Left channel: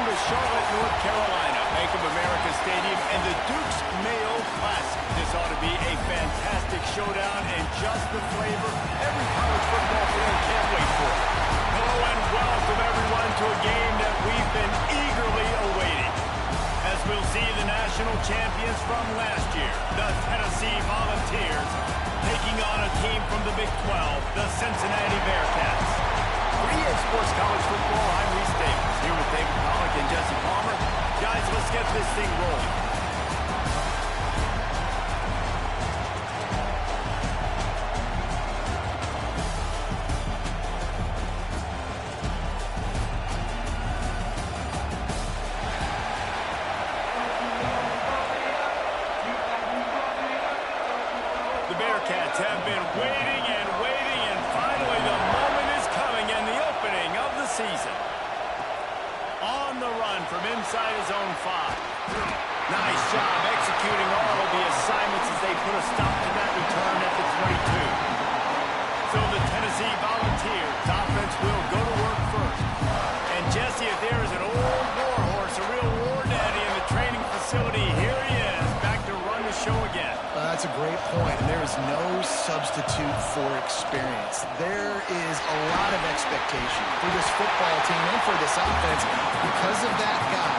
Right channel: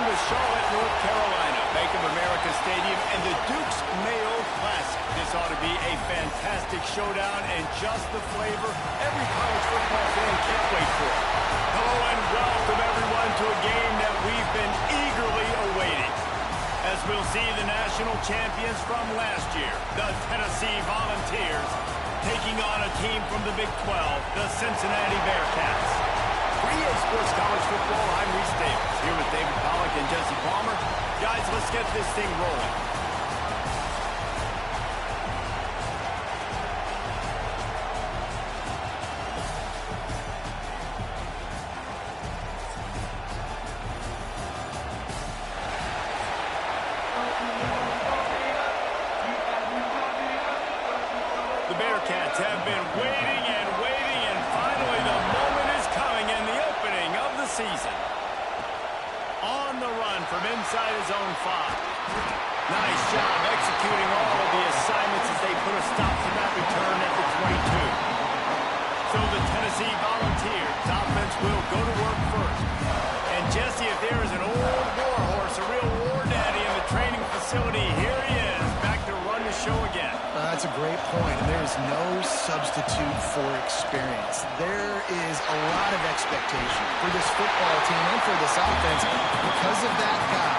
Welcome to Charlotte, North Carolina, Bank of America Stadium, and the Duke's Mayo Classic. This ought to be a fantastic showdown and just the flavor every college football fan can't wait for. Hello and welcome everyone to a game that we've been eagerly awaiting. As we'll see the national champions from last year, the Tennessee Volunteers, taking on a team from the Big 12, the Cincinnati Bearcats. For EA Sports College Football, I'm Reese Davis, here with David Pollack and Jesse Palmer. Guys, let's get this thing rolling. The Bearcats have been waiting and waiting, and finally the moment is coming in the opening of the season. On the run from inside his own 5. Nice job executing all of the assignments as they put a stop to that return at the 22. So the Tennessee Volunteers offense will go to work first. And Jesse, if there is an old war horse, a real war daddy in the training facility, here he is, back to run the show again. That's a great point, and there is no substitute for experience. There is a lot of expectation for this football team and for this offense because of that guy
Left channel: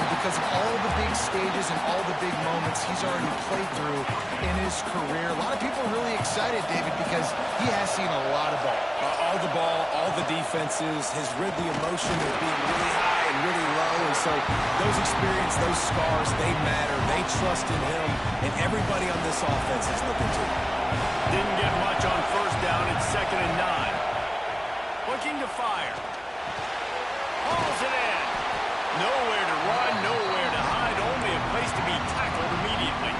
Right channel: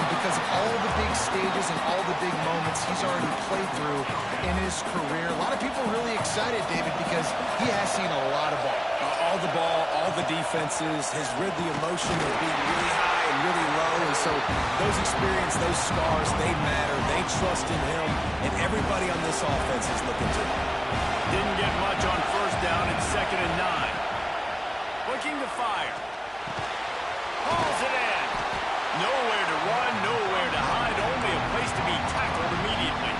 and because of all the big stages and all the big moments he's already played through in his career. A lot of people are really excited, David, because he has seen a lot of ball. All the ball, all the defenses, has rid the emotion of being really high and really low, and so those experience, those scars, they matter. They trust in him, and everybody on this offense is looking to him. Didn't get much on first down. It's 2nd and 9. Looking to fire. Hauls it in. Nowhere to run, nowhere to hide, only a place to be tackled immediately.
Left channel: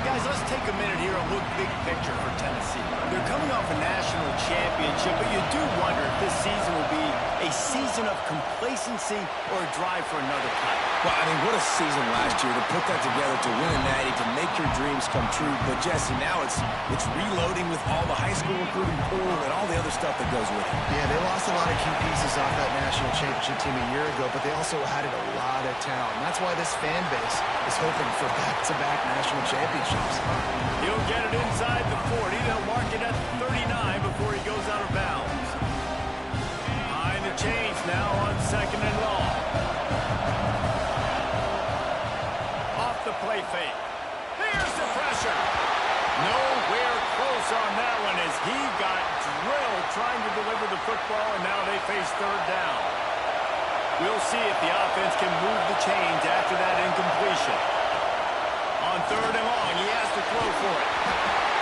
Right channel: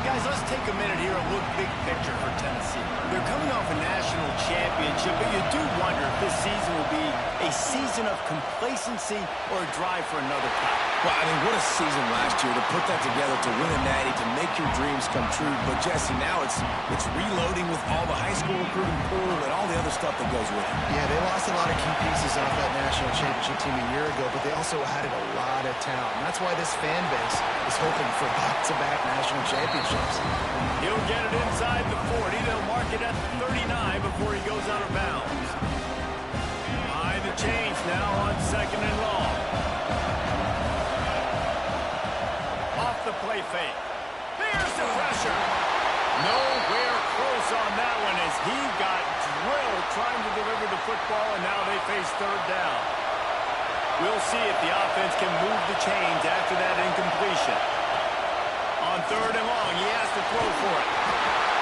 Guys, let's take a minute here and look big picture for Tennessee. They're coming off a national championship, but you do wonder if this season will be a season of complacency or a drive for another title. Well, I mean, what a season last year to put that together, to win a natty, to make your dreams come true. But, Jesse, now it's reloading with all the high school recruiting pool and all the other stuff that goes with it. Yeah, they lost a lot of key pieces off that national championship team a year ago, but they also added a lot of talent. And that's why this fan base is hoping for back-to-back national championships. He'll get it inside the 40. They'll mark it at the 39 before he goes out of bounds. Behind the chains now on 2nd and long. Off the play fake. Here's the pressure. Nowhere close on that one as he got drilled trying to deliver the football, and now they face 3rd down. We'll see if the offense can move the chains after that incompletion. On 3rd and long, he has to throw for it.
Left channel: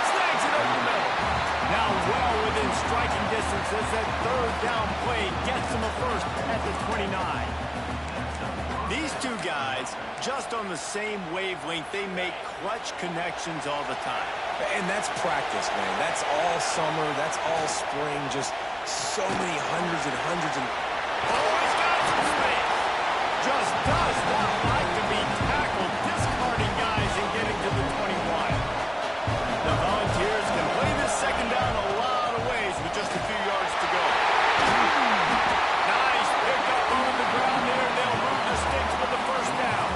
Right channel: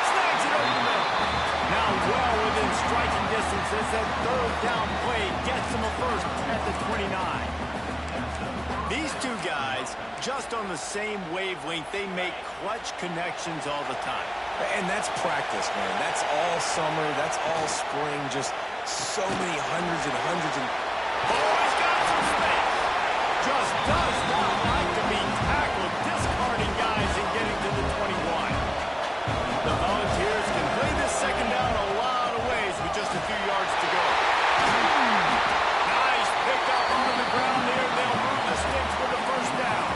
Snags it over the middle. Now well within striking distance as that 3rd down play gets him a first at the 29. These two guys, just on the same wavelength, they make clutch connections all the time. And that's practice, man. That's all summer. That's all spring. Just so many hundreds and hundreds. Oh, he's got some space. Just does not like to be tackled, discarding guys and getting to the 21. The Volunteers can play this 2nd down a lot of ways with just a few yards to go. Nice pick up on the ground there. They'll move the sticks with the 1st down.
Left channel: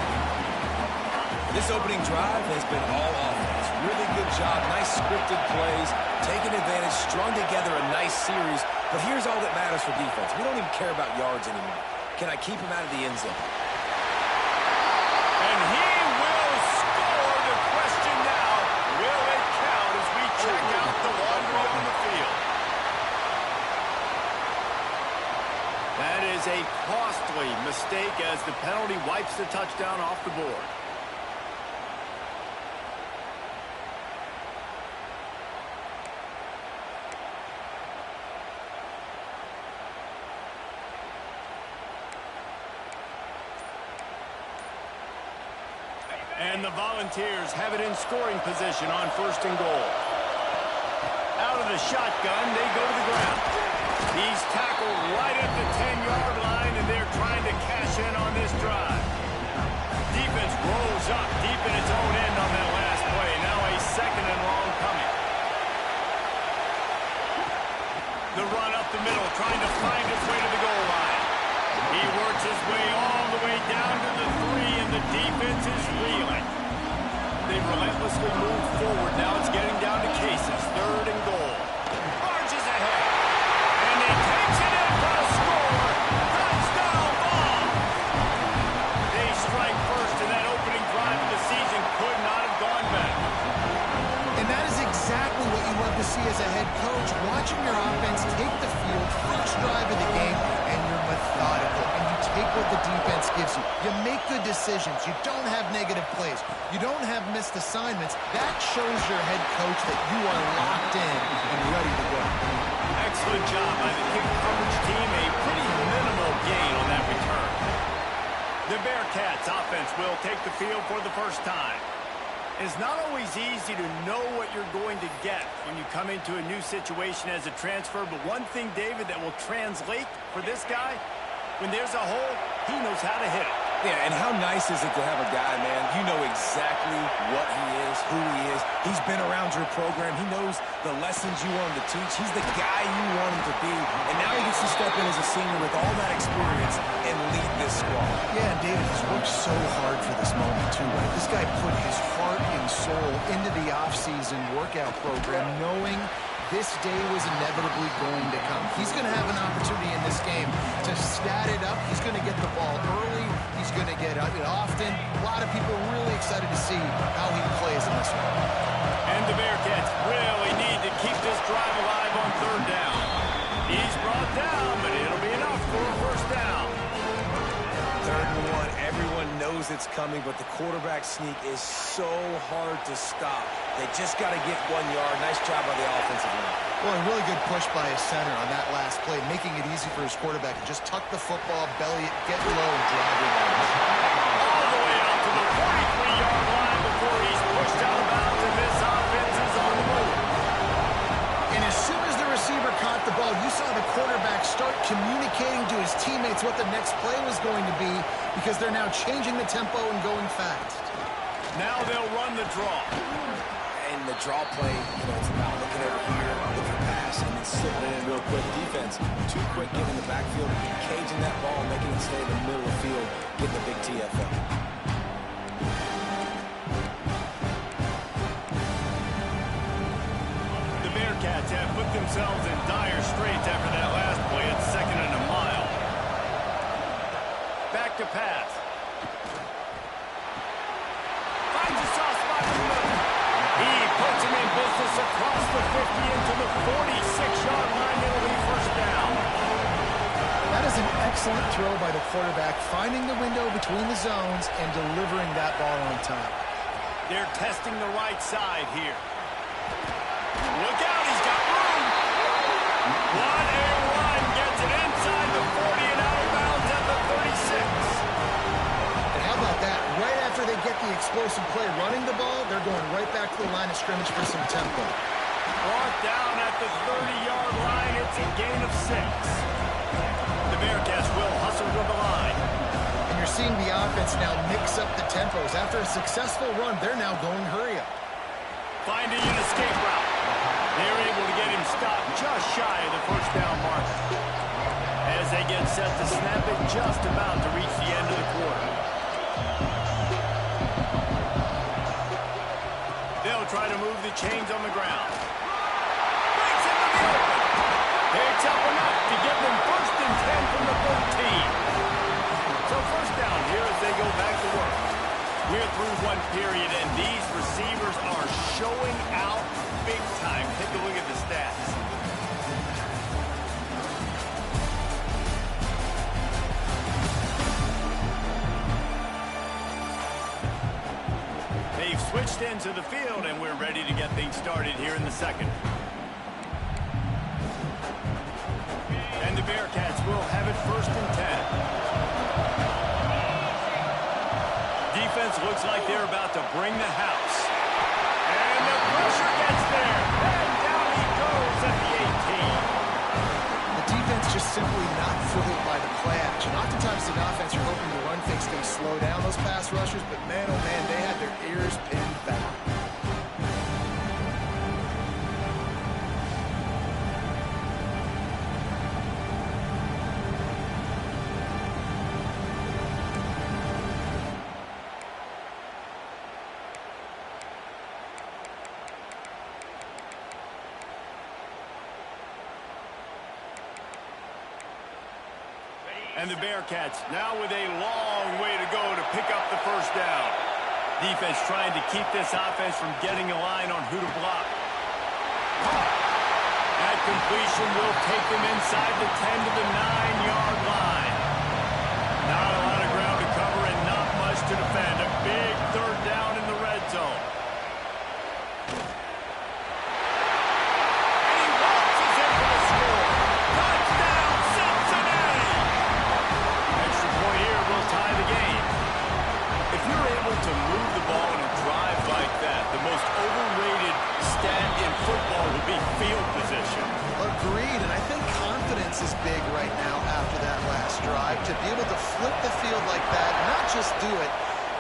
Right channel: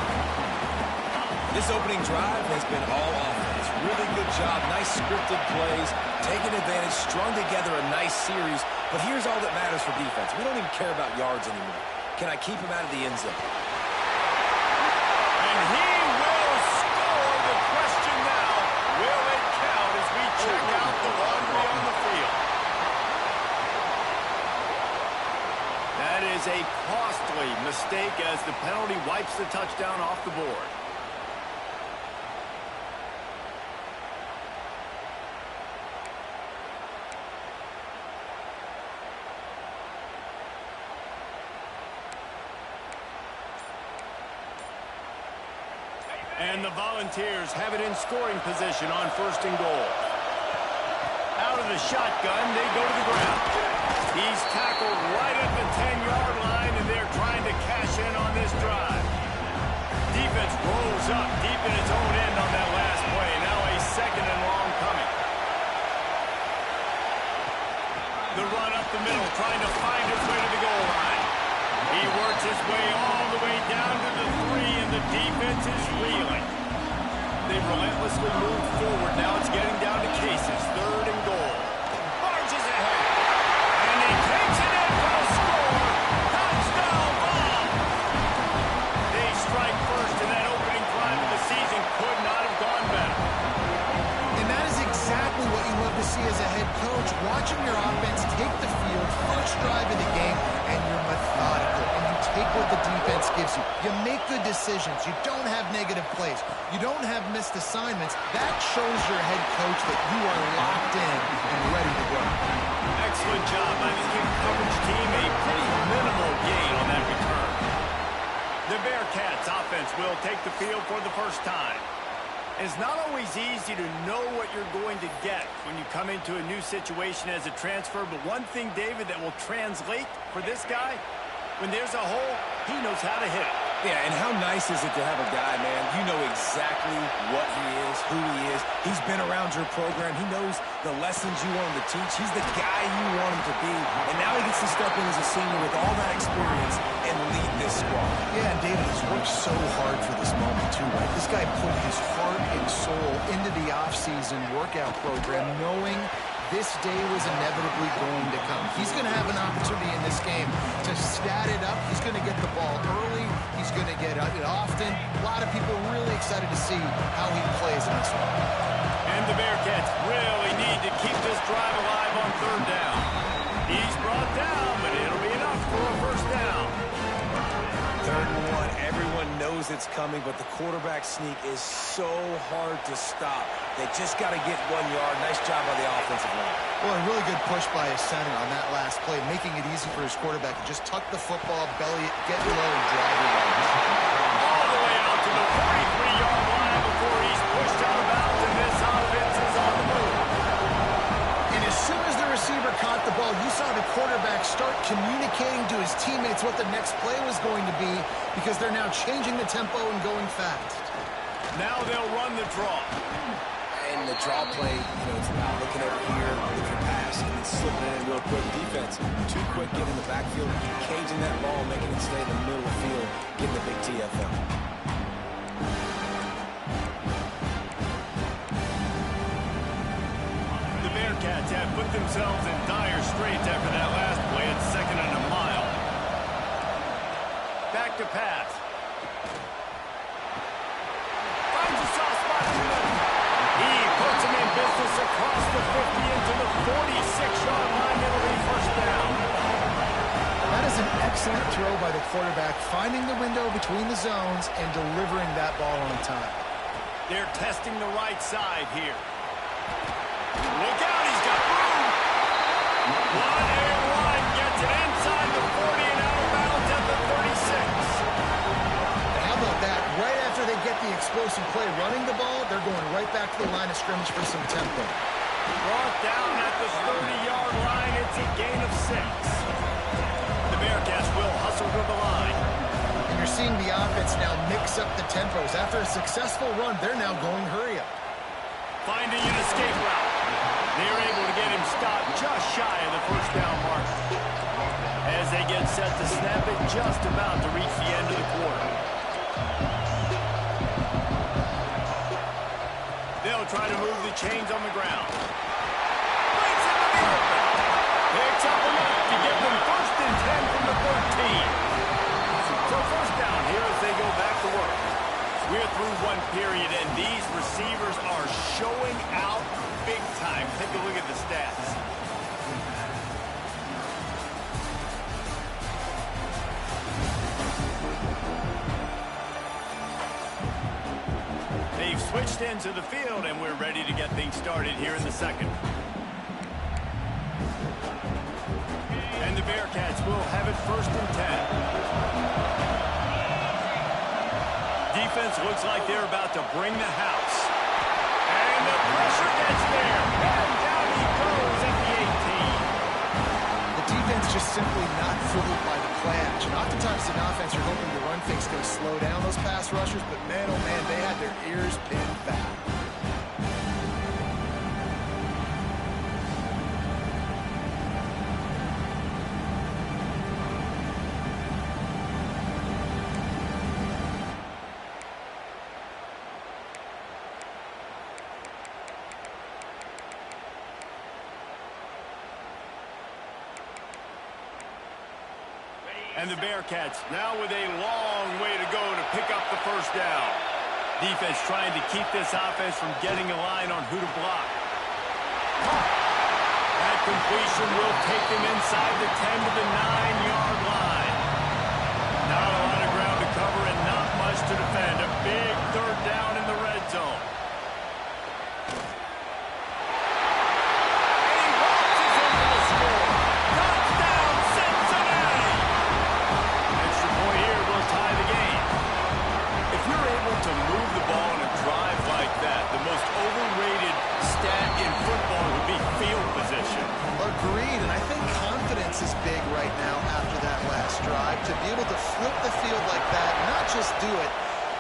This opening drive has been all offense. Really good job. Nice scripted plays. Taking advantage, strung together a nice series. But here's all that matters for defense. We don't even care about yards anymore. Can I keep him out of the end zone? And he will score. The question now, will it count as we check out the laundry on the field? That is a costly mistake as the penalty wipes the touchdown off the board. And the Volunteers have it in scoring position on 1st and goal. Out of the shotgun, they go to the ground. He's tackled right at the 10-yard line, and they're trying to cash in on this drive. Defense rolls up deep in its own end on that last play. Now a 2nd and long coming. The run up the middle, trying to find its way to the goal line. He works his way all the way down to the 3, and the defense is reeling. They've relentlessly moved forward. Now it's getting down to cases. 3rd and goal. Barges ahead. And he takes it in for a score. Touchdown ball. They strike first, and that opening drive of the season could not have gone better. And that is exactly what you love to see as a head coach, watching your offense take the field, first drive of the game, and you're methodical, and you take what the defense gives you. You make good decisions. You don't have negative plays. You don't have missed assignments. That shows your head coach that you are locked in and ready to go. Excellent job by the kick coverage team. A pretty minimal gain on that return. The Bearcats offense will take the field for the first time. It's not always easy to know what you're going to get when you come into a new situation as a transfer, but one thing, David, that will translate for this guy, when there's a hole, he knows how to hit it. Yeah, and how nice is it to have a guy, man, you know exactly what he is, who he is. He's been around your program. He knows the lessons you want him to teach. He's the guy you want him to be. And now he gets to step in as a senior with all that experience and lead this squad. Yeah, and David, he's worked so hard for this moment, too, right? This guy put his heart and soul into the offseason workout program, knowing this day was inevitably going to come. He's going to have an opportunity in this game to stat it up. He's going to get the ball early. He's going to get it often. A lot of people really excited to see how he plays in this one. And the Bearcats really need to keep this drive alive on 3rd down. He's brought down, but it'll be enough for a first down. 3rd and 1. Everyone knows it's coming, but the quarterback sneak is so hard to stop. They just got to get 1 yard. Nice job by the offensive line. Well, a really good push by his center on that last play, making it easy for his quarterback to just tuck the football, belly it, get low, and drive your legs. All the way out to the 43-yard line before he's pushed out of bounds, and this offense is on the move. And as soon as the receiver caught the ball, you saw the quarterback start communicating to his teammates what the next play was going to be, because they're now changing the tempo and going fast. Now they'll run the draw. And the draw play, you know, it's about looking over here, looking pass, and then slipping it in real quick. Defense, too quick getting in the backfield, caging that ball, making it stay in the middle of the field, getting the big TFL. The Bearcats have put themselves in dire straits after that last play at 2nd and a mile. Back to pass. Finds a soft spot in the middle. He puts him in business across the 50 into the 46-yard line. It'll be first down. That is an excellent throw by the quarterback, finding the window between the zones and delivering that ball on time. They're testing the right side here. Look out, he's got room. What a run. Gets it inside the 40 and out of bounds at the 36. How about that? Right after they get the explosive play running the ball, they're going right back to the line of scrimmage for some tempo. Brought down at the 30-yard line. It's a gain of 6. The Bearcats will hustle to the line. And you're seeing the offense now mix up the tempos. After a successful run, they're now going hurry up. Finding an escape route. They're able to get him stopped just shy of the first down mark. As they get set to snap it, just about to reach the end of the quarter. They'll try to move the chains on the ground. Breaks into the open. Picks up enough to give them 1st and 10 from the 13. So first down here as they go back to work. We're through one period, and these receivers are showing out big time. Take a look at the stats. They've switched into the field, and we're ready to get things started here in the second. And the Bearcats will have it 1st and 10. Defense looks like they're about to bring the house. And the pressure gets there. And down he goes at the 18. The defense just simply not fooled by the play action. Oftentimes, an offense, you're hoping the run fake's going to slow down those pass rushers, but man, oh man, they had their ears pinned back. And the Bearcats now with a long way to go to pick up the first down. Defense trying to keep this offense from getting a line on who to block. That completion will take them inside the 10 to the 9-yard line. Not a lot of ground to cover and not much to defend. A big third down in the red zone. And he waltzes in for the score. Touchdown, Cincinnati! Extra point here will tie the game. If you're able to move the ball in a drive like that, the most overrated stat in football would be field position. Agreed, and I think confidence is big right now after that last drive. To be able to flip the field like that, not just do it,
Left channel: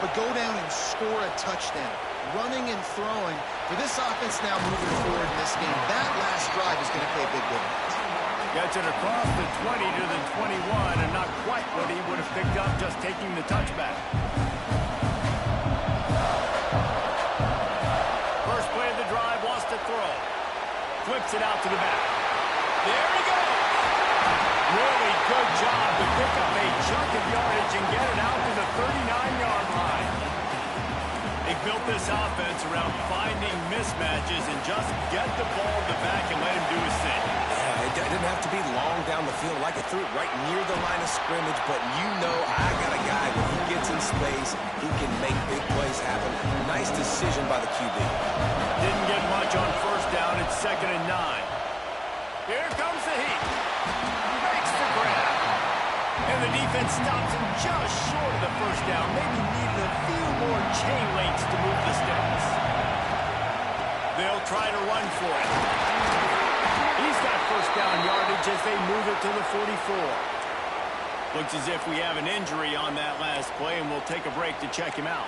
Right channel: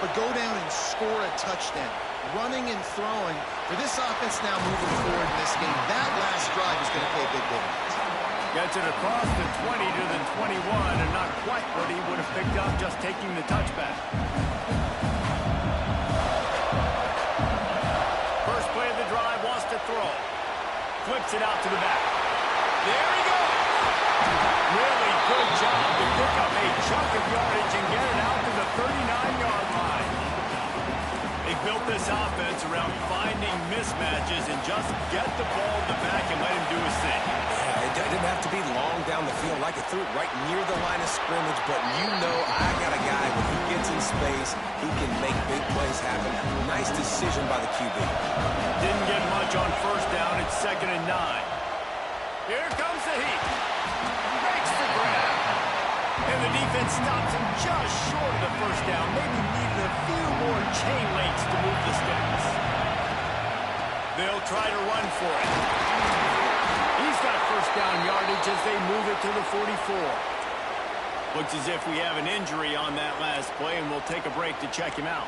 but go down and score a touchdown. Running and throwing. For this offense now moving forward in this game, that last drive is going to pay big dividends. Gets it across the 20 to the 21, and not quite what he would have picked up just taking the touchback. First play of the drive, wants to throw. Flips it out to the back. There he goes. Really good job to pick up a chunk of yardage and get it out to the 39-yard line. They built this offense around finding mismatches and just get the ball in the back and let him do his thing. Yeah, it didn't have to be long down the field. Like it threw it right near the line of scrimmage, but you know I got a guy when he gets in space, he can make big plays happen. Nice decision by the QB. Didn't get much on first down. It's 2nd and 9. Here comes the heat. Makes the grab. And the defense stops him just short of the first down. Maybe needed a few more chain links to move the sticks. They'll try to run for it. He's got first down yardage as they move it to the 44. Looks as if we have an injury on that last play, and we'll take a break to check him out.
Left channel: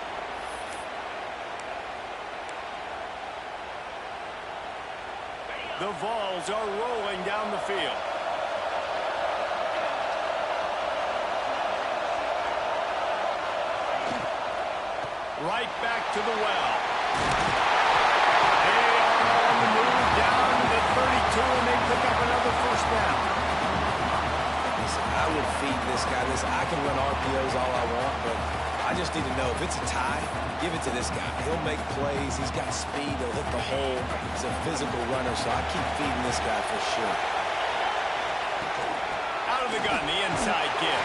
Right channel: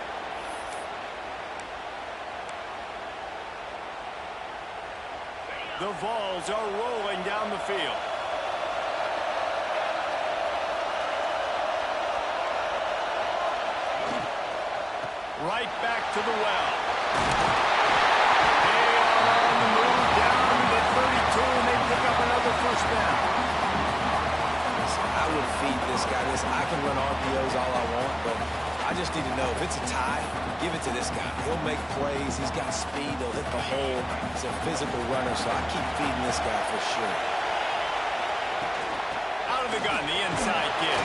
The Vols are rolling down the field. Right back to the well. They are on the move down to the 32, and they pick up another first down. Listen, I would feed this guy this. I can run RPOs all I want, but I just need to know if it's a tie, give it to this guy. He'll make plays. He's got speed. He'll hit the hole. He's a physical runner, so I keep feeding this guy for sure. Out of the gun, the inside give.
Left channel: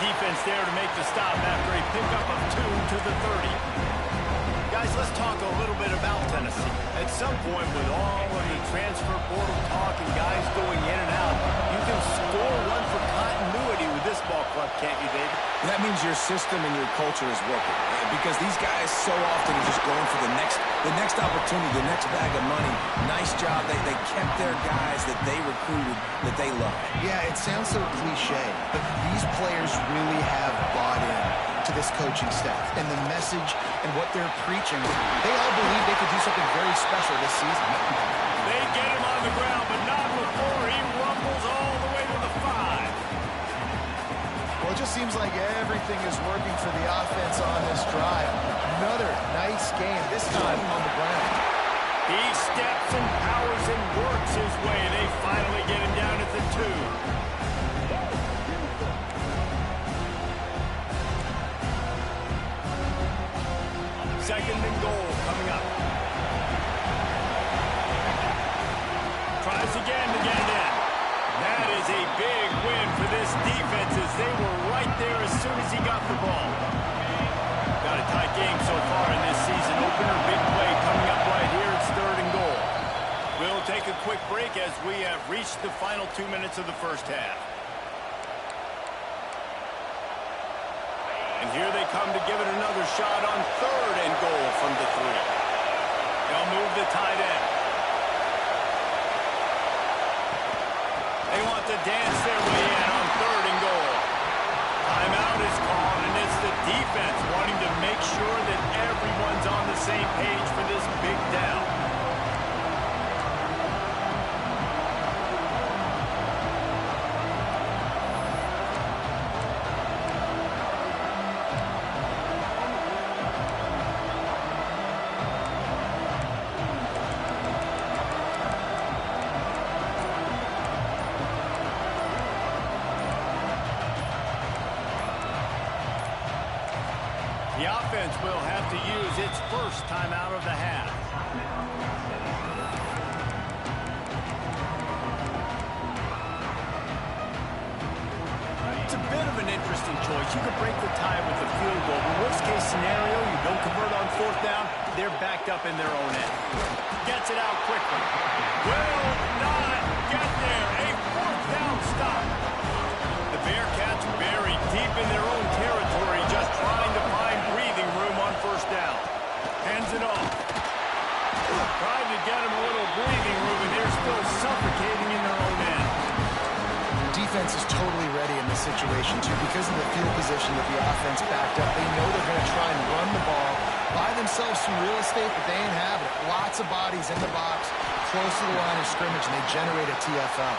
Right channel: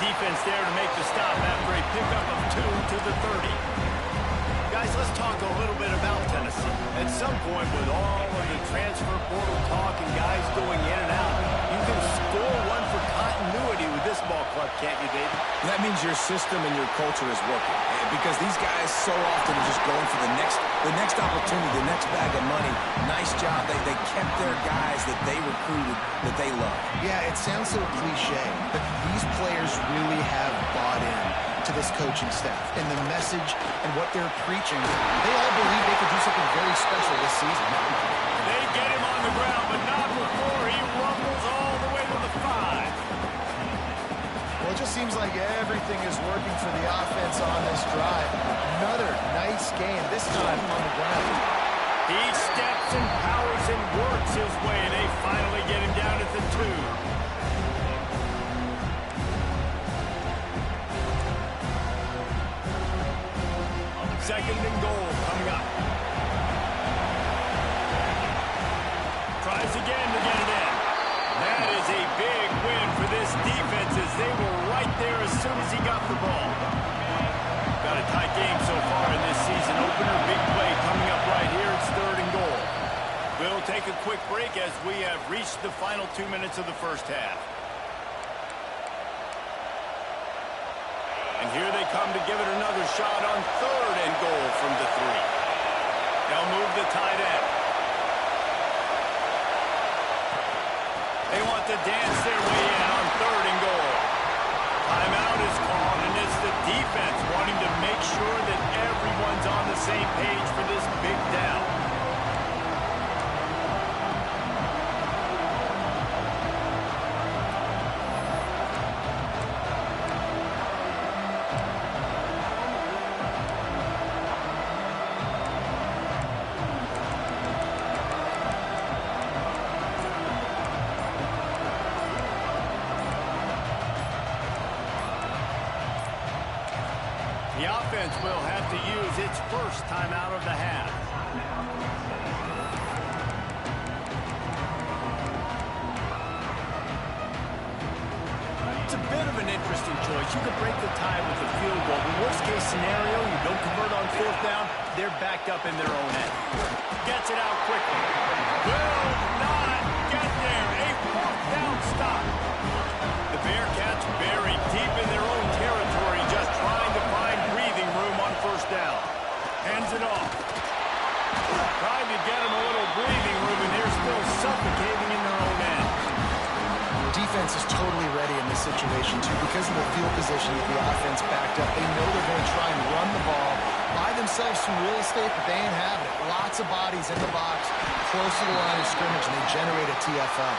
Defense there to make the stop after a pickup of 2 to the 30. Guys, let's talk a little bit about Tennessee. At some point, with all of the transfer portal talk and guys going in and out, you can score one for continuity with this ball club, can't you, David? That means your system and your culture is working, because these guys so often are just going for the next opportunity, the next bag of money. Nice job. They kept their guys that they recruited, that they love. Yeah, it sounds so cliche, but these players really have bought in to this coaching staff and the message and what they're preaching. They all believe they could do something very special this season. They get him on the ground, but not before he rumbles all the way to the 5. Well, it just seems like everything is working for the offense on this drive. Another nice game, this time on the ground. He steps and powers and works his way. They finally get him down at the 2. Second and goal coming up. Tries again to get it in. That is a big win for this defense as they were right there as soon as he got the ball. Got a tight game so far in this season opener. Big play coming up right here. It's 3rd and goal. We'll take a quick break as we have reached the final 2 minutes of the first half. And here they come to give it another shot on 3rd and goal from the 3. They'll move the tight end. They want to dance their way in on 3rd and goal. Timeout is called, and it's the defense wanting to make sure that everyone's on the same page for this big down. The offense will have to use its first timeout of the half. It's a bit of an interesting choice. You could break the tie with a field goal, but worst case scenario, you don't convert on fourth down, they're backed up in their own end. Gets it out quickly. Will not get there. A fourth down stop. The Bearcats buried deep in their own territory, just trying to find breathing room on first down. Hands it off. Trying to get them a little breathing room, and they're still suffocating in their own end. Defense is totally ready in this situation, too, because of the field position that the offense backed up. They know they're going to try and run the ball, buy themselves some real estate, but they ain't having it. Lots of bodies in the box, close to the line of scrimmage, and they generate a TFL.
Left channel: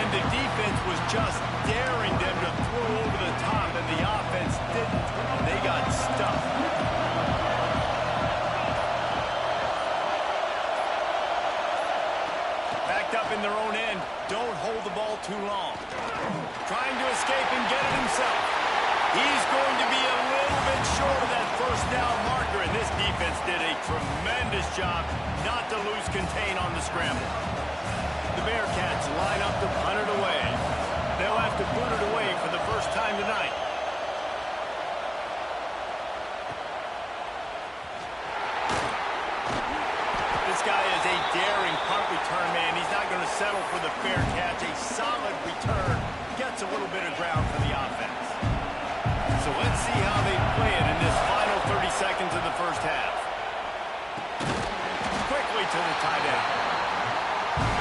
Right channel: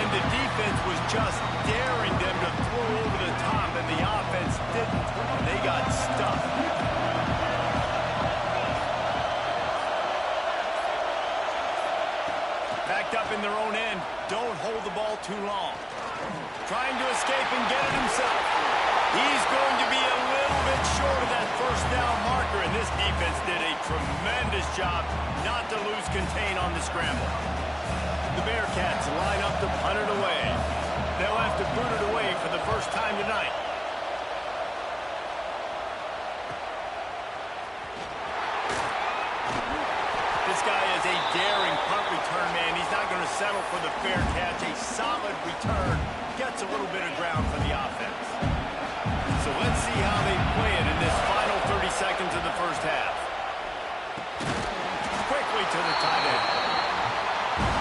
And the defense was just daring them to throw over the top, and the offense didn't. They got stuffed. Backed up in their own end. Don't hold the ball too long. Trying to escape and get it himself. He's going to be a little bit short of that first down marker, and this defense did a tremendous job not to lose contain on the scramble. The Bearcats line up to punt it away. They'll have to boot it away for the first time tonight. This guy is a daring punt return man. He's not going to settle for the fair catch. A solid return gets a little bit of ground for the offense. So let's see how they play it in this final 30 seconds of the first half. Quickly to the tight end.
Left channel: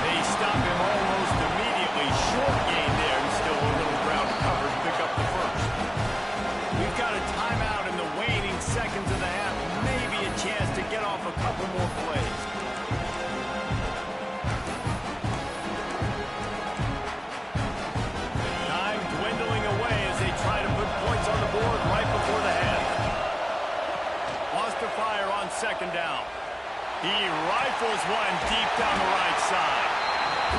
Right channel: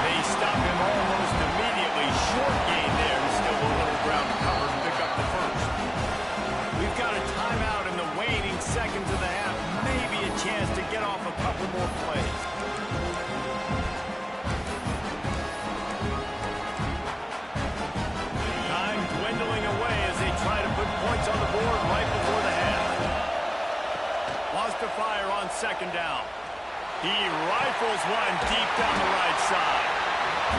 They stop him almost immediately. Short gain there, and still a little ground to cover to pick up the first. We've got a timeout in the waning seconds of the half. Maybe a chance to get off a couple more plays. Time dwindling away as they try to put points on the board right before the half. Wants to fire on second down. He rifles one deep down the right side.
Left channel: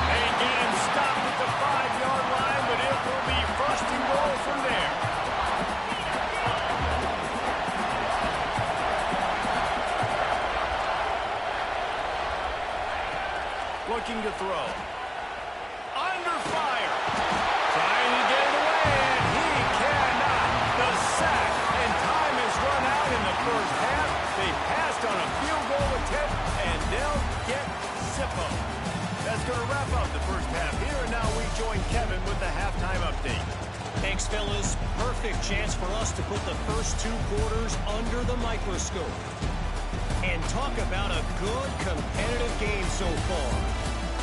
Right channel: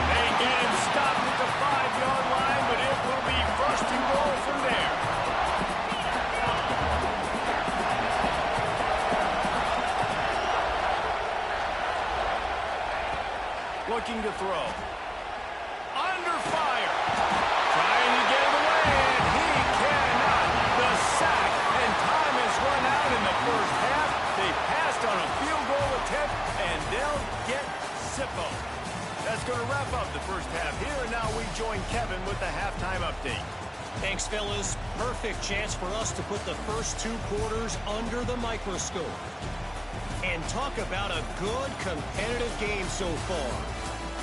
They get him stopped at the 5-yard line, but it will be first and goal from there. Looking to throw. Under fire. Trying to get it away, and he cannot. The sack, and time has run out in the first half. They passed on a field goal attempt, and they'll get Zippo. That's going to wrap up the first half here, and now we join Kevin with the halftime update. Thanks, fellas. Perfect chance for us to put the first two quarters under the microscope. And talk about a good competitive game so far.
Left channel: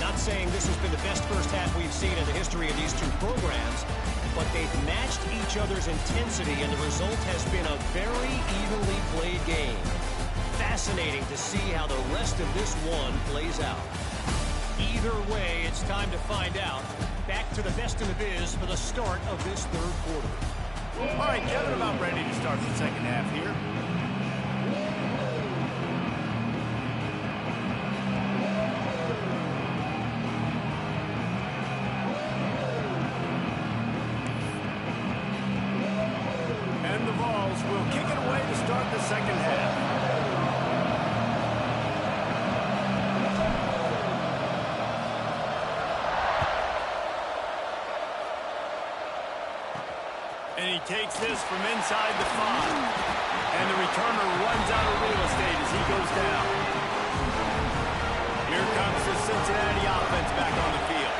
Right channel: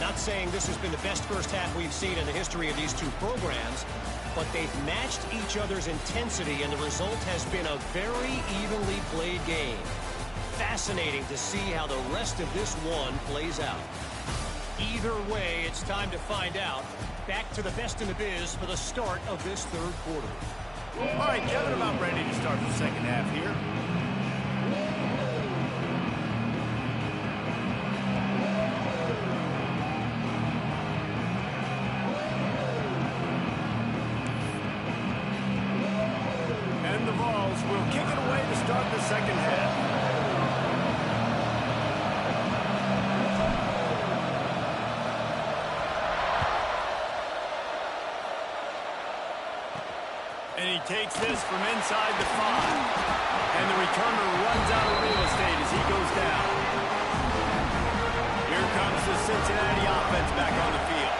Not saying this has been the best first half we've seen in the history of these two programs, but they've matched each other's intensity, and the result has been a very evenly played game. Fascinating to see how the rest of this one plays out. Either way, it's time to find out. Back to the best in the biz for the start of this third quarter. All right, Kevin, about ready to start the second half here. And the Vols will kick it away to start the second half. And he takes this from inside the 5. And the returner runs out of real estate as he goes down. Here comes the Cincinnati offense back on the field.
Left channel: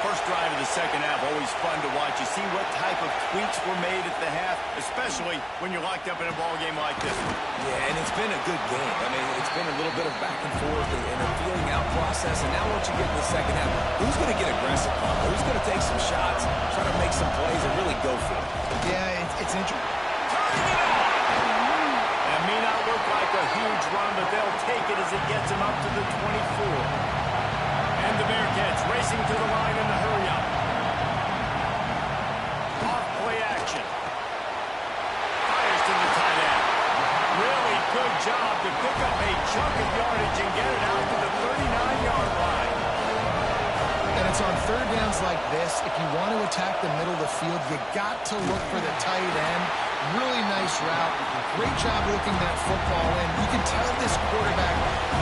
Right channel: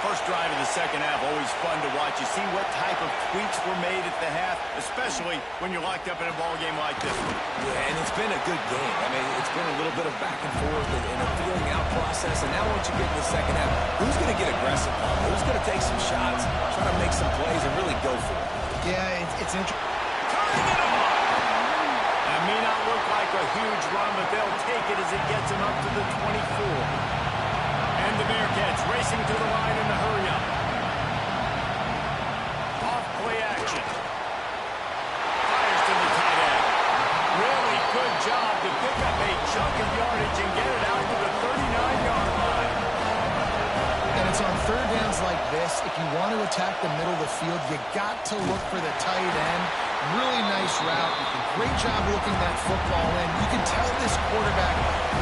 First drive of the second half, always fun to watch. You see what type of tweaks were made at the half, especially when you're locked up in a ball game like this one. Yeah, and it's been a good game. I mean, it's been a little bit of back and forth and a feeling out process. And now once you get in the second half, who's going to get aggressive, Tom? Who's going to take some shots, try to make some plays, and really go for it? Yeah, it's interesting. Turning it on! That may not look like a huge run, but they'll take it as it gets them up to the 24. And the Bearcats racing to the line in the hurry-up. Off play action. Fires to the tight end. Really good job to pick up a chunk of yardage and get it out to the 39-yard line. And it's on third downs like this. If you want to attack the middle of the field, you got to look for the tight end. Really nice route. Great job looking that football in. You can tell this quarterback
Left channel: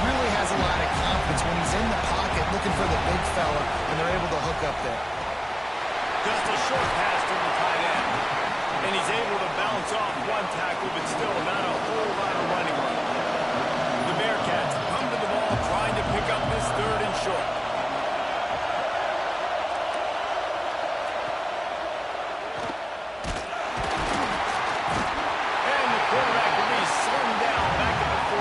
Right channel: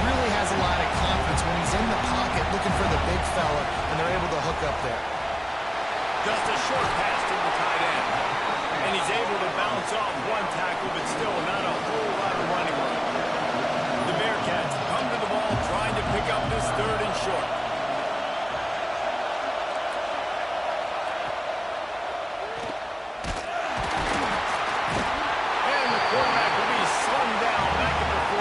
really has a lot of confidence when he's in the pocket looking for the big fella, and they're able to hook up there. Just a short pass to the tight end. And he's able to bounce off one tackle, but still not a whole lot of running room. The Bearcats come to the ball trying to pick up this 3rd and short. Quarterback will be slung down back at the 43.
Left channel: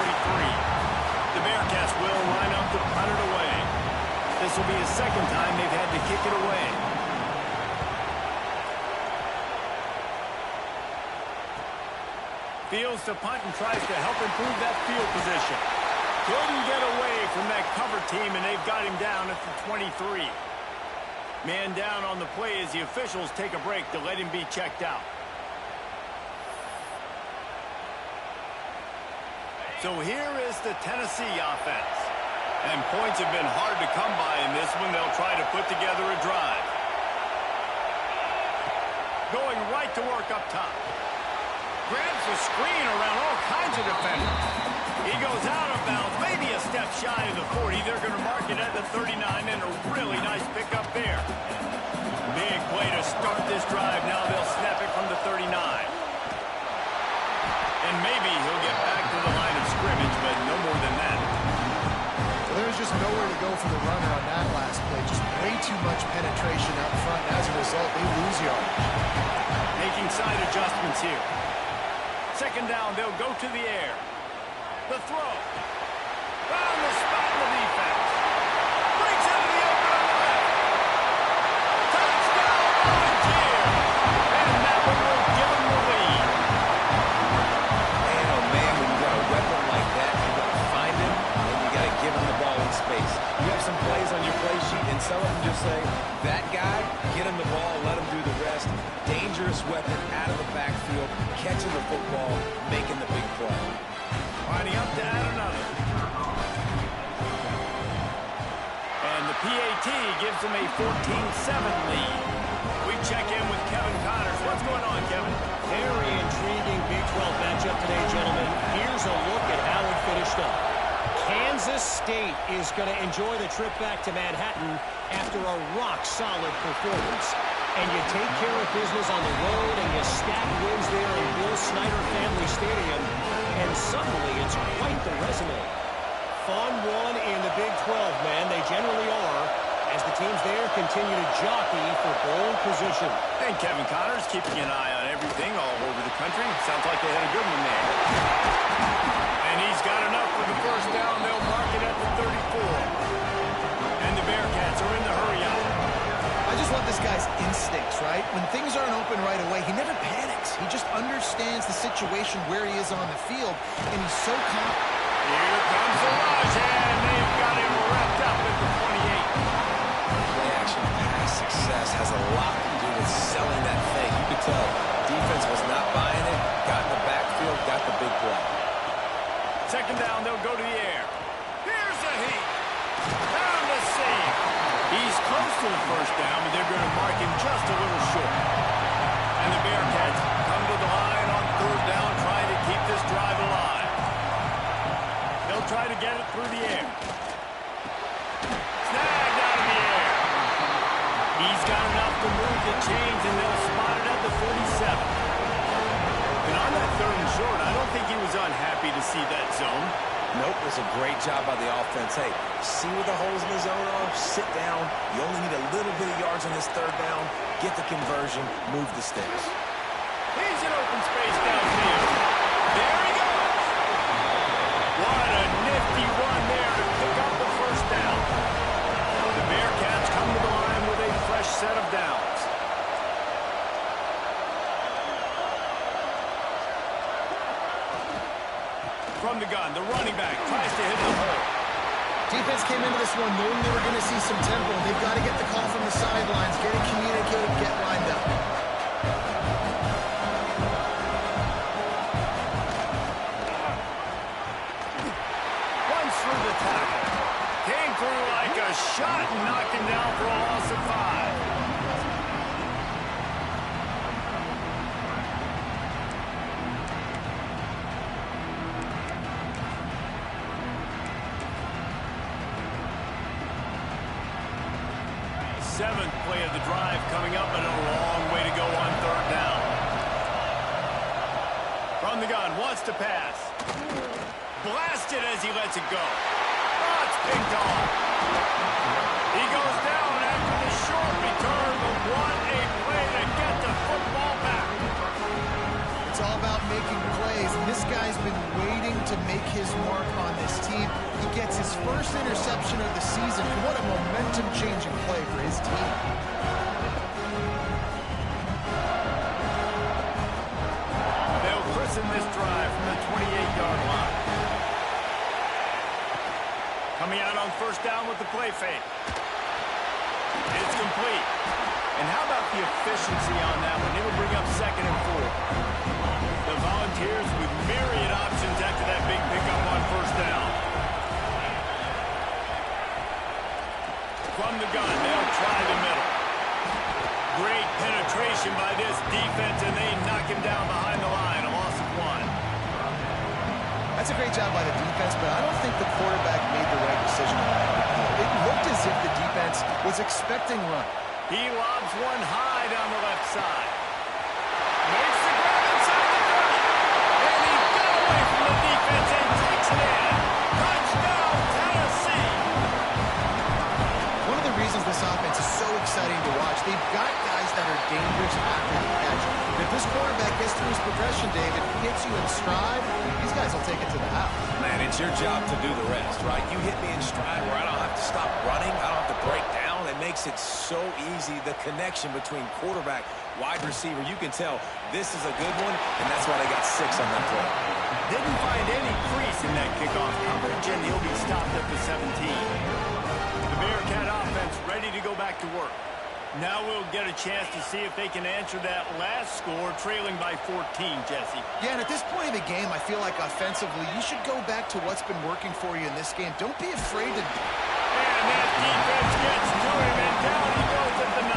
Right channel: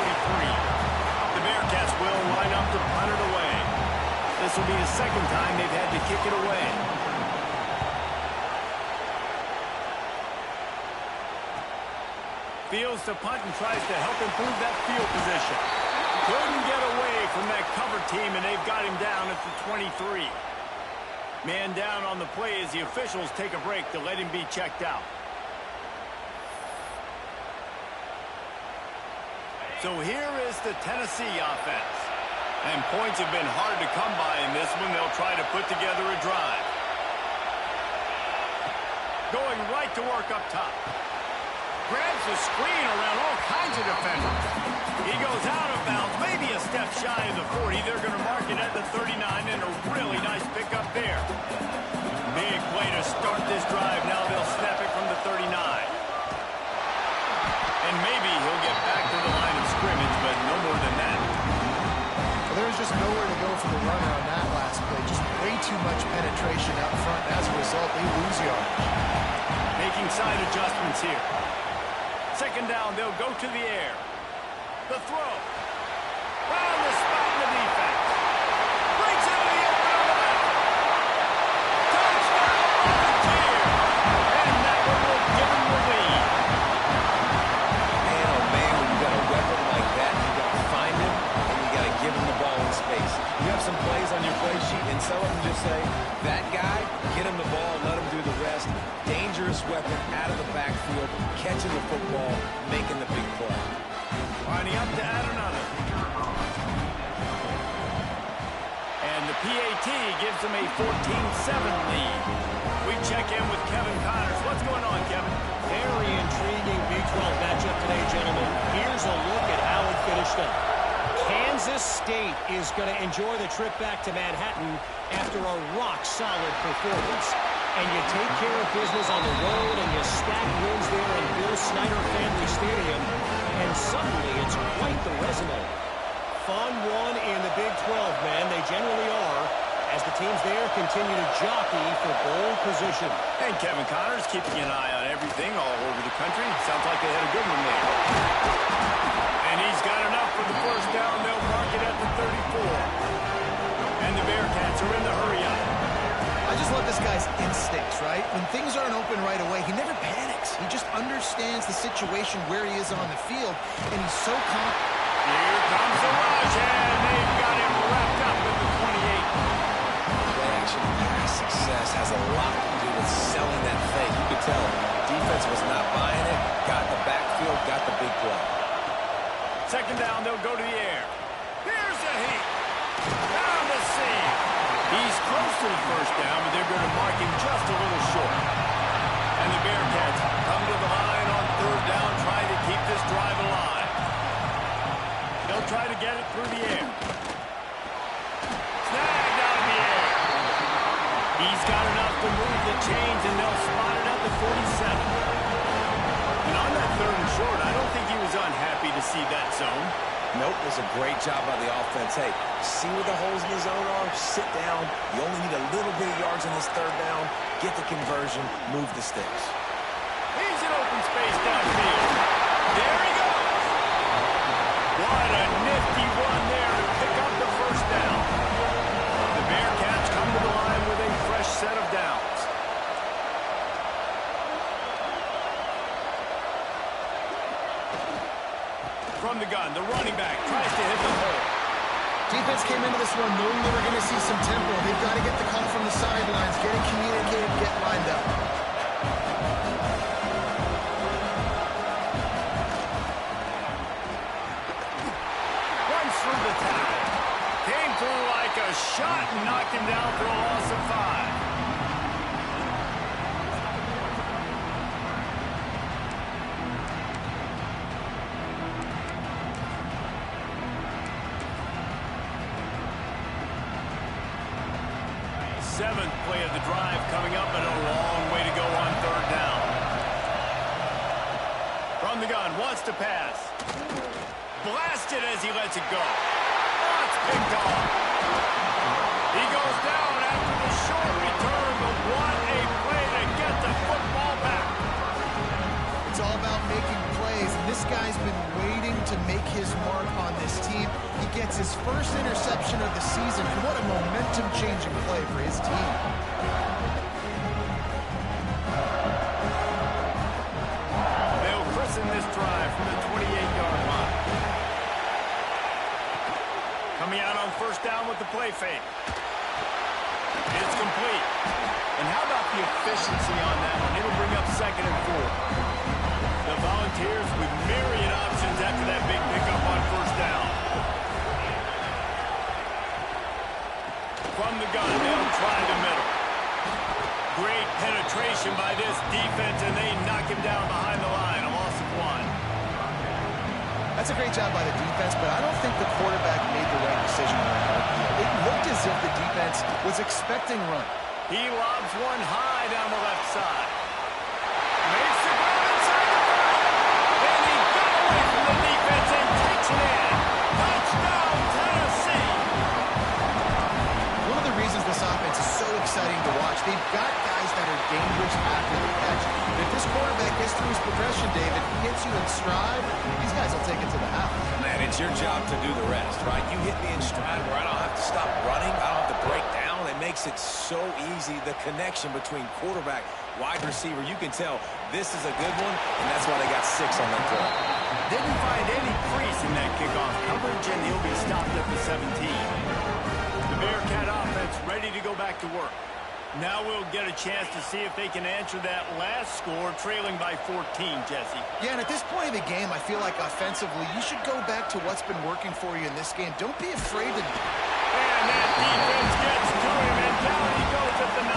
The Bearcats will line up to punt it away. This will be the 2nd time they've had to kick it away. Fields to punt and tries to help improve that field position. Couldn't get away from that cover team, and they've got him down at the 23. Man down on the play as the officials take a break to let him be checked out. So here is the Tennessee offense. And points have been hard to come by in this one. They'll try to put together a drive. Going right to work up top. Grabs the screen around all kinds of defenders. He goes out of bounds, maybe a step shy of the 40. They're going to mark it at the 39, and a really nice pickup there. Big play to start this drive. Now they'll snap it from the 39. And maybe he'll get back to the line of scrimmage, but no more than that. Well, there's just nowhere to go for the runner on that last play. Just way too much penetration up front. And as a result, they lose yardage. Making side adjustments here. 2nd down, they'll go to the air. The throw. Found the spot in the defense. Breaks into the open on the left. Touchdown, Volunteer. And that one will give him the lead. Weapon like that, you got to find him, and you got to give him the ball in space. You have some plays on your play sheet, and some of them just say, that guy, get him the ball, let him do the rest. Dangerous weapon out of the backfield, catching the football, making the big play. Lining up to add another. And the PAT gives them a 14-7 lead. We check in with Kevin Connors. What's going on, Kevin? Very intriguing Big 12 matchup today, gentlemen. Here's a look at how it finished up. Kansas State is going to enjoy the trip back to Manhattan after a rock-solid performance. And you take care of business on the road, and you stack wins there in Bill Snyder Family Stadium, and suddenly it's quite the resume. Fun one in the Big 12, man. They generally are, as the teams there continue to jockey for bowl position. And Kevin Connors keeping an eye on everything all over the country. Sounds like they had a good one there. And he's got enough for the 1st down. They'll mark it at the 34. And the Bearcats are in the hurry up. I just love this guy's instincts, right? When things aren't open right away, he never panics. He just understands the situation where he is on the field, and he's so confident. Here comes the rush, and they've got him wrapped up at the 28. Play-action pass success has a lot to do with selling that fake. You could tell defense was not buying it, got in the backfield, got the big play. 2nd down, they'll go to the air. Here's a heat. Found the seam. He's close to the 1st down, but they're going to mark him just a little short. And the Bearcats come to the line on 3rd down, trying to keep this drive alive. They'll try to get it through the air. Snagged out of the air. He's got enough to move the chains, and they'll spot it at the 47. And on that 3rd and short, I don't think he was unhappy to see that zone. Nope, it was a great job by the offense. Hey, see where the holes in the zone are? Sit down. You only need a little bit of yards on this 3rd down. Get the conversion. Move the sticks. He's in open space downfield. There he goes. What a nifty run there to pick up the 1st down. The Bearcats come to the line with a fresh set of downs. From the gun, the running back tries to hit the hole. Defense came into this one knowing they were going to see some tempo. They've got to get the call from the sidelines, get it communicated, get lined up. Runs through the tackle. Came through like a shot and knocked him down for a loss of 5. 7th play of the drive coming up, and a long way to go on 3rd down. From the gun, wants to pass. Blasted as he lets it go. Oh, it's picked off. He goes down after the short return, but what a play to get the football back. It's all about making plays, and this guy's been waiting to make his mark on this team. He gets his first interception of the season, and what a momentum-changing play for his team. They'll christen this drive from the 28-yard line. Coming out on 1st down with the play fake. It's complete. And how about the efficiency on that one? It'll bring up 2nd and 4. The Volunteers with myriad options after that big pickup on 1st down. From the gun, they'll try the middle. Great penetration by this defense, and they knock him down behind the line. A loss of 1. That's a great job by the defense, but I don't think the quarterback made the right decision on that hard field. It looked as if the defense was expecting run. He lobs one high down the left side. Makes the grab inside the 30. And he got away from the defense and takes it in. Touchdown, Tennessee. One of the reasons this offense is so exciting to watch, they've got guys that are dangerous after the catch. And if this quarterback gets through his progression, David, hits you in stride, these guys will take it to the house. Man, it's your job to do the rest, right? You hit me in stride where I don't have to stop running. I don't have to break down. It makes it so easy, the connection between quarterback, wide receiver. You can tell this is a good one, and that's why they got 6 on that play. Didn't find any crease in that kickoff coverage, and he'll be stopped at the 17. The Bearcat offense ready to go back to work. Now we'll get a chance to see if they can answer that last score, trailing by 14, Jesse. Yeah, and at this point of the game, I feel like offensively, you should go back to what's been working for you in this game. Don't be afraid to... And that defense gets to him, and down he goes at the 9.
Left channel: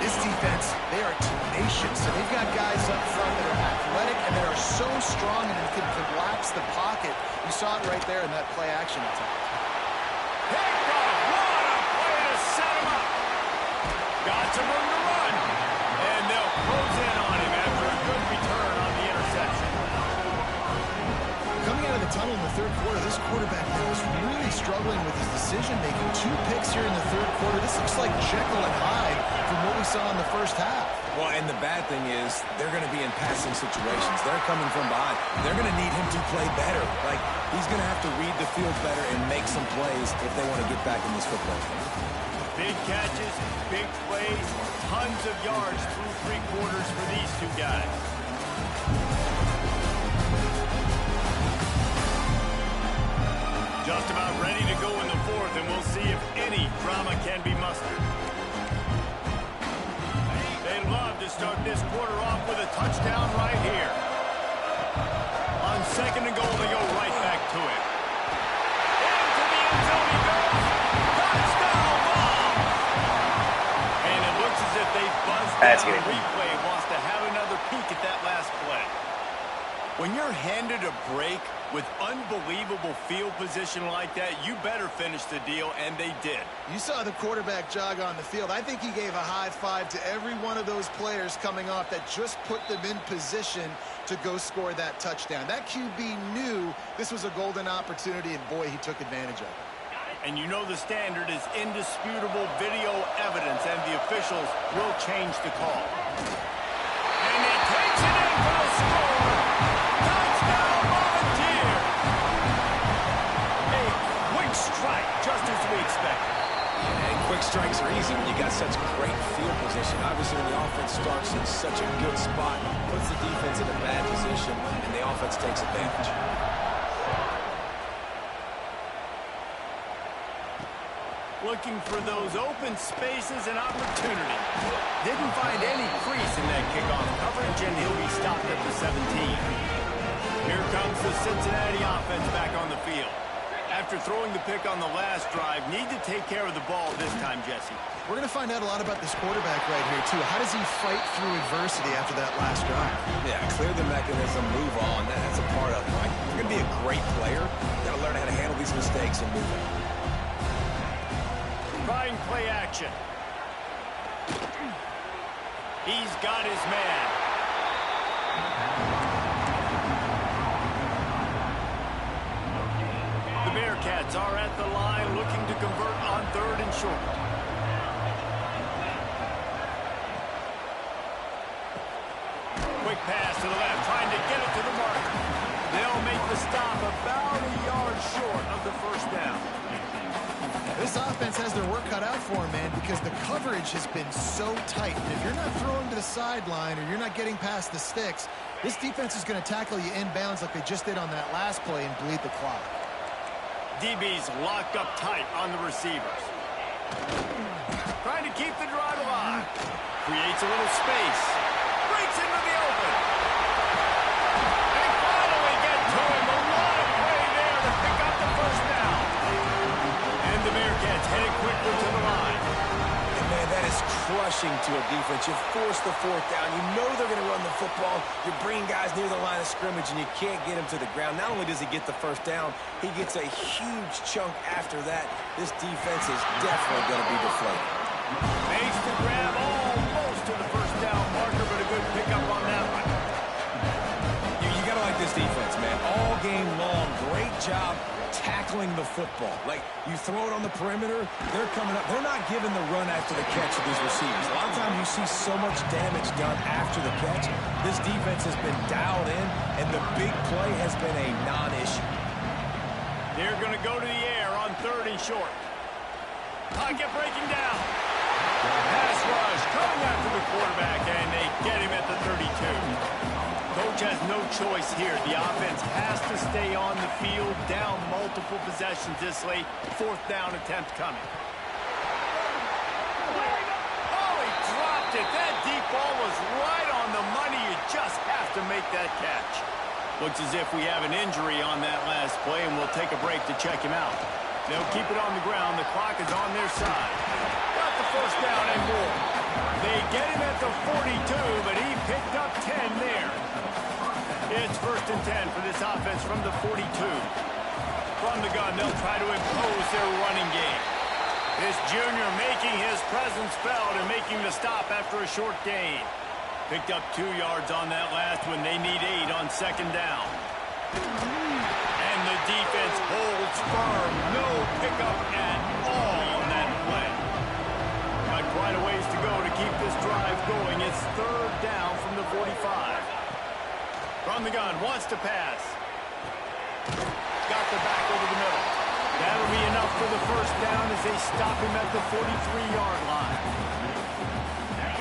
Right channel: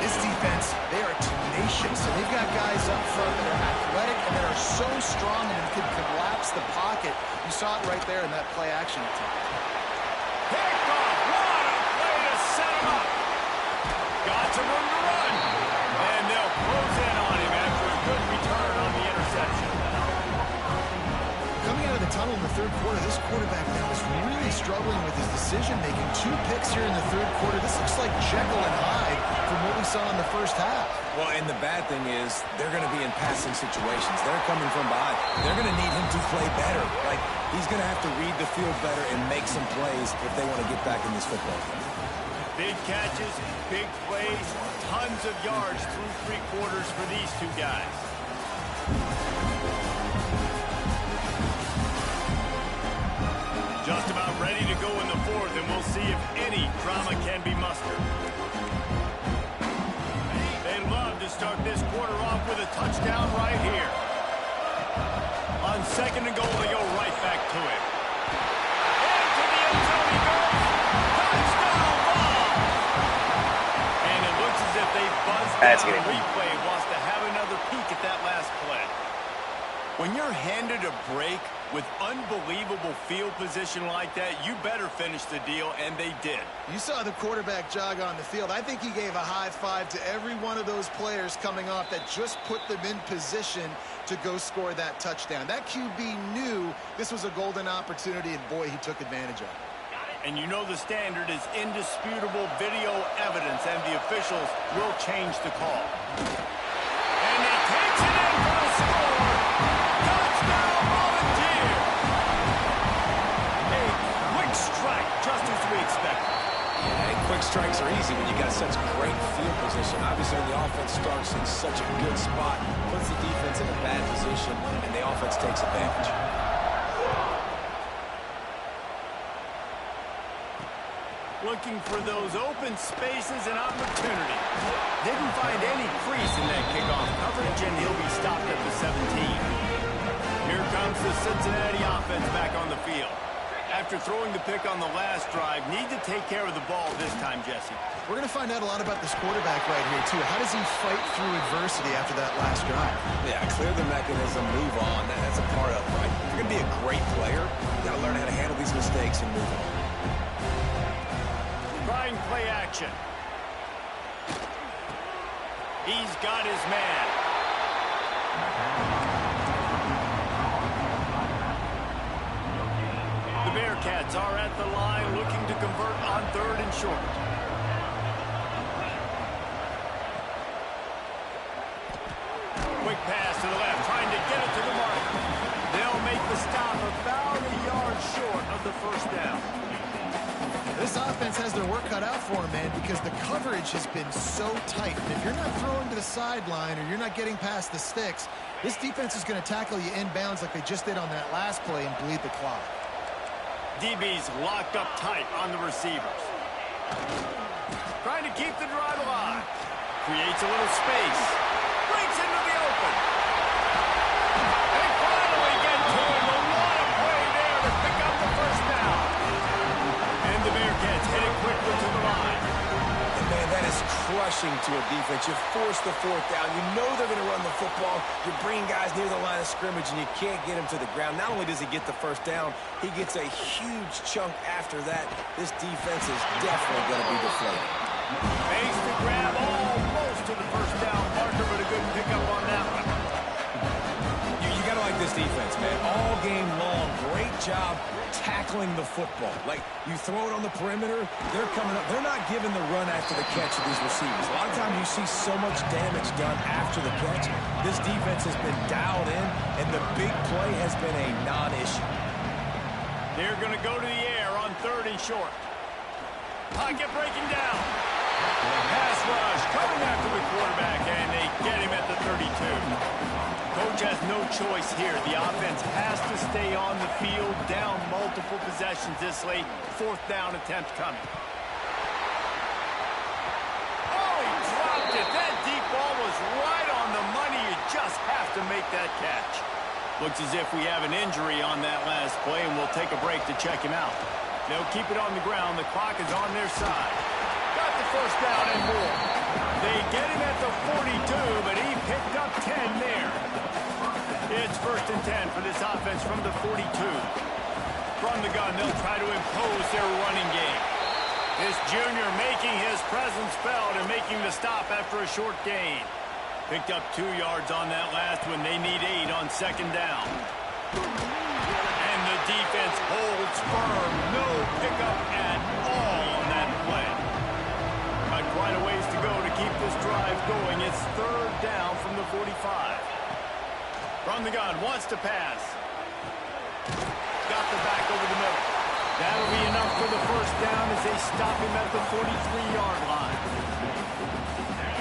This defense, they are tenacious, and they've got guys up front that are athletic and that are so strong and can collapse the pocket. You saw it right there in that play-action attempt. Picked off. What a play to set him up. Got some room to run. And they'll close in on him after a good return on the interception. Coming out of the tunnel in the 3rd quarter, this quarterback now is really struggling with his decision-making. 2 picks here in the 3rd quarter. This looks like Jekyll and Hyde from what we saw in the 1st half. Well, and the bad thing is they're going to be in passing situations. They're coming from behind. They're going to need him to play better. Like, he's going to have to read the field better and make some plays if they want to get back in this football game. Big catches, big plays, tons of yards through 3 quarters for these 2 guys. Just about ready to go in the 4th, and we'll see if any drama can be mustered. They'd love to start this quarter off with a touchdown right here. On 2nd and goal, they go right back to it. Into the end zone he goes. Touchdown ball! And it looks as if they buzzed down. Replay wants to have another peek at that last play. When you're handed a break with unbelievable field position like that, you better finish the deal, and they did. You saw the quarterback jog on the field. I think he gave a high five to every one of those players coming off that just put them in position to go score that touchdown. That QB knew this was a golden opportunity, and boy, he took advantage of it. And you know the standard is indisputable video evidence, and the officials will change the call. And he takes it in for the score. Touchdown, Volunteer! A quick strike, just as we expected. Yeah, and quick strikes are easy when you got such great field position. Obviously, when the offense starts in such a good spot, puts the defense in a bad position, and the offense takes advantage. Looking for those open spaces and opportunity. Didn't find any crease in that kickoff coverage, and he'll be stopped at the 17. Here comes the Cincinnati offense back on the field. After throwing the pick on the last drive, need to take care of the ball this time, Jesse. We're going to find out a lot about this quarterback right here, too. How does he fight through adversity after that last drive? Yeah, clear the mechanism, move on. That's a part of it, right? If you're going to be a great player, you got to learn how to handle these mistakes and move on. trying play action. He's got his man. The Bearcats are at the line looking to convert on 3rd and short. Quick pass to the left, trying to get it to the marker. They'll make the stop about a yard short of the first down. This offense has their work cut out for them, man, because the coverage has been so tight. And if you're not throwing to the sideline or you're not getting past the sticks, this defense is going to tackle you inbounds like they just did on that last play and bleed the clock. DB's locked up tight on the receivers. Trying to keep the drive alive. Creates a little space. Breaks into the open. They finally get to him. A lot of play there to pick up the first down. And the Bearcats headed quickly to the line. And man, that is crushing to a defense. You force the 4th down. You know they're going to run the football. You're bringing guys near the line of scrimmage, and you can't get him to the ground. Not only does he get the first down, he gets a huge chunk after that. This defense is definitely going to be deflated. Makes the grab almost to the first down marker, but a good pickup on that one. You got to like this defense, man. All game long, great job tackling the football. Like, you throw it on the perimeter, they're coming up. They're not giving the run after the catch to these receivers. A lot of times you see so much damage done after the catch. This defense has been dialed in, and the big play has been a non-issue. They're going to go to the air on 3rd and short. Pocket breaking down. Pass rush coming after the quarterback, and they get him at the 32. Coach has no choice here. The offense has to stay on the field, down multiple possessions this late. 4th down attempt coming. Oh, he dropped it. That deep ball was right on the money. You just have to make that catch. Looks as if we have an injury on that last play, and we'll take a break to check him out. They'll keep it on the ground. The clock is on their side. Got the first down and more. They get him at the 42, but he picked up 10 there. It's 1st and 10 for this offense from the 42. From the gun, they'll try to impose their running game. This junior making his presence felt and making the stop after a short gain. Picked up 2 yards on that last one. They need 8 on 2nd down. And the defense holds firm. No pickup at all on that play. Got quite a ways to go to keep this drive going. It's 3rd down from the 45. From the gun, wants to pass. Got the back over the middle. That'll be enough for the first down as they stop him at the 43-yard line.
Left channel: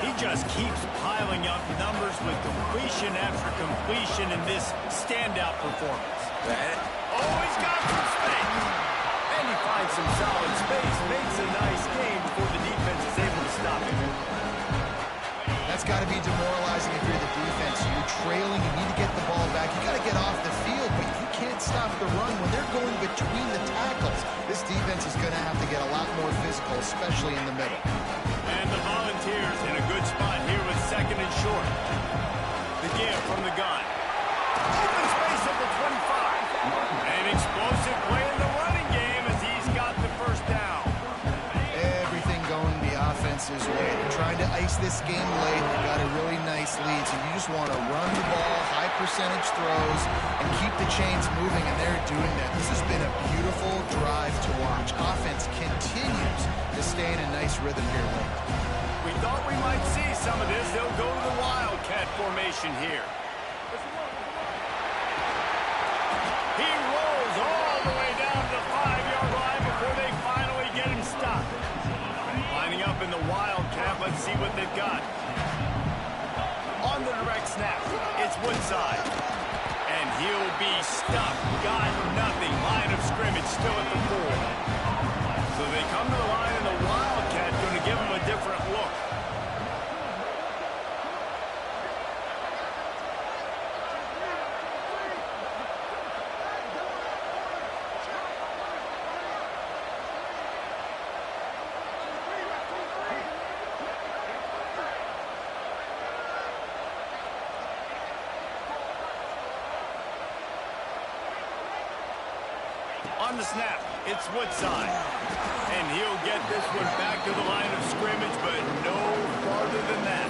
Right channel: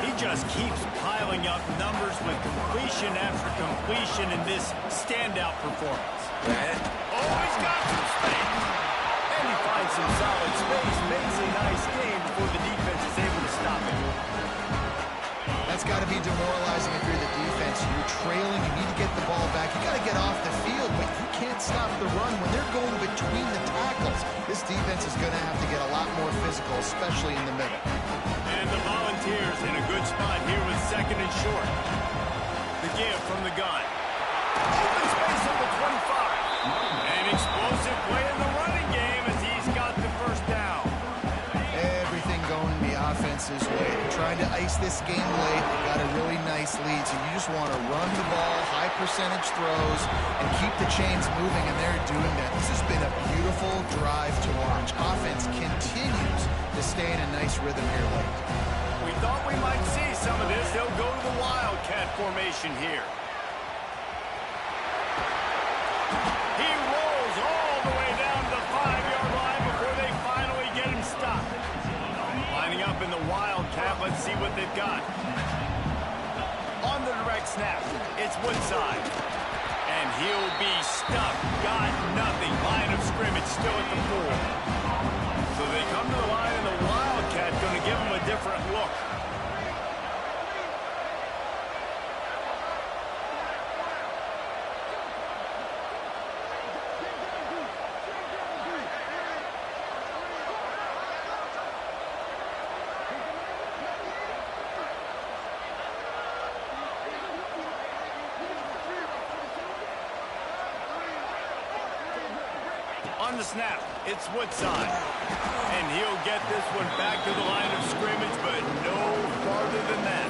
He just keeps piling up numbers with completion after completion in this standout performance. Oh, he's got some space. And he finds some solid space, makes a nice game before the defense is able to stop him. That's got to be demoralizing if you're the defense. You're trailing, you need to get the ball back. You got to get off the field, but you can't stop the run when they're going between the tackles. This defense is going to have to get a lot more physical, especially in the middle. And the Volunteers in a good spot here with 2nd and short. The give from the gun. Open space at the 25. An explosive play in the running game as he's got the first down. Everything going the offense's way. They're trying to ice this game late. They've got a really nice lead, so you just want to run the ball, high percentage throws, and keep the chains moving, and they're doing that. This has been a beautiful drive to watch. Offense continues to stay in a nice rhythm here late. We thought we might see some of this. They'll go to the Wildcat formation here. He rolls all the way down to the 5-yard line before they finally get him stopped. Lining up in the Wildcat, let's see what they've got. On the direct snap, it's Woodside. And he'll be stuck. Got nothing. Line of scrimmage still at the 4. So they come to the line, and the Wildcat going to give them a different look. On the snap, it's Woodside. And he'll get this one back to the line of scrimmage, but no farther than that.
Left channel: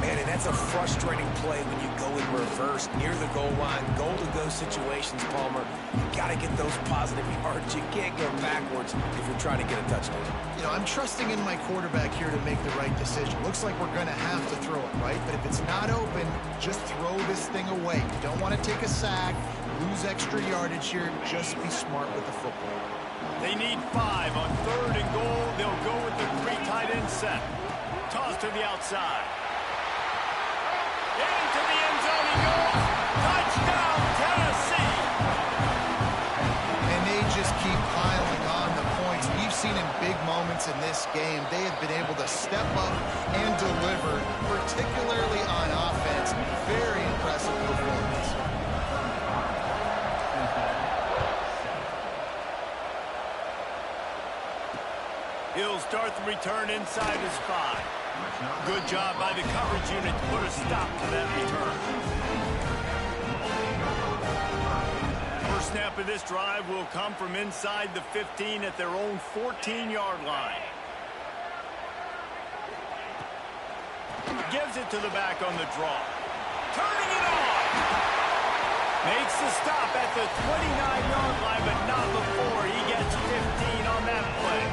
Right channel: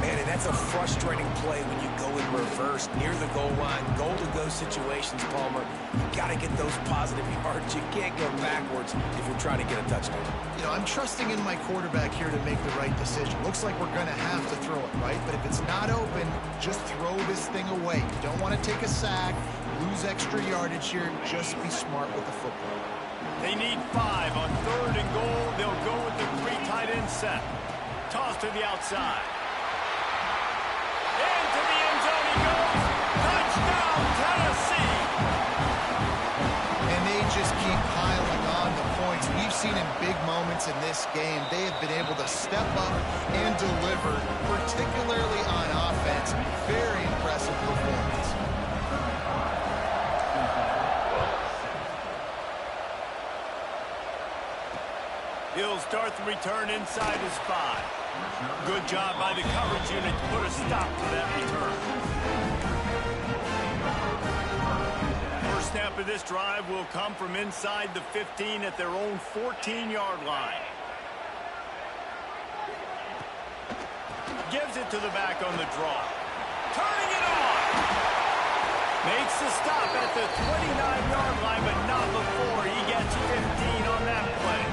Man, and that's a frustrating play when you go in reverse near the goal line. Goal-to-go situations, Palmer. You got to get those positive yards. You can't go backwards if you're trying to get a touchdown. You know, I'm trusting in my quarterback here to make the right decision. Looks like we're going to have to throw it, right? But if it's not open, just throw this thing away. You don't want to take a sack, lose extra yardage here. Just be smart with the football. They need 5 on 3rd and goal. They'll go with the 3 tight end set. Toss to the outside. Into the end zone he goes. Touchdown, Tennessee. And they just keep piling on the points. We've seen in big moments in this game, they have been able to step up and deliver, particularly on offense. Very impressive performance. He'll start the return inside his 5. Good job by the coverage unit to put a stop to that return. First snap of this drive will come from inside the 15 at their own 14-yard line. Gives it to the back on the draw. Turning it on. Makes the stop at the 29-yard line, but not before he gets 15 on that play.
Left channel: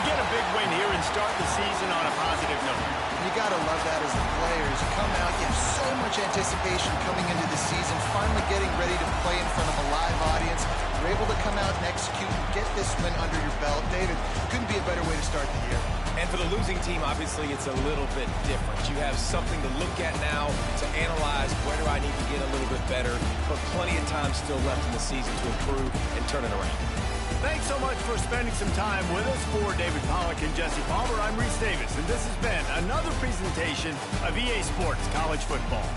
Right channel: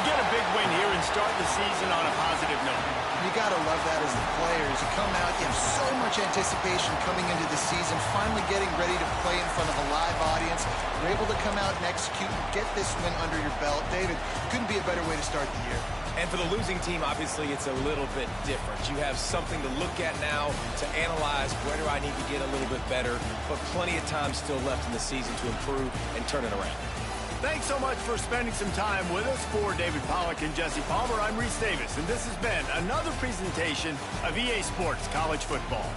Get a big win here and start the season on a positive note. You got to love that as the players. You come out, you have so much anticipation coming into the season, finally getting ready to play in front of a live audience. You're able to come out and execute and get this win under your belt. David, couldn't be a better way to start the year. And for the losing team, obviously, it's a little bit different. You have something to look at now to analyze where do I need to get a little bit better, but plenty of time still left in the season to improve and turn it around. Thanks so much for spending some time with us. For David Pollack and Jesse Palmer, I'm Reese Davis, and this has been another presentation of EA Sports College Football.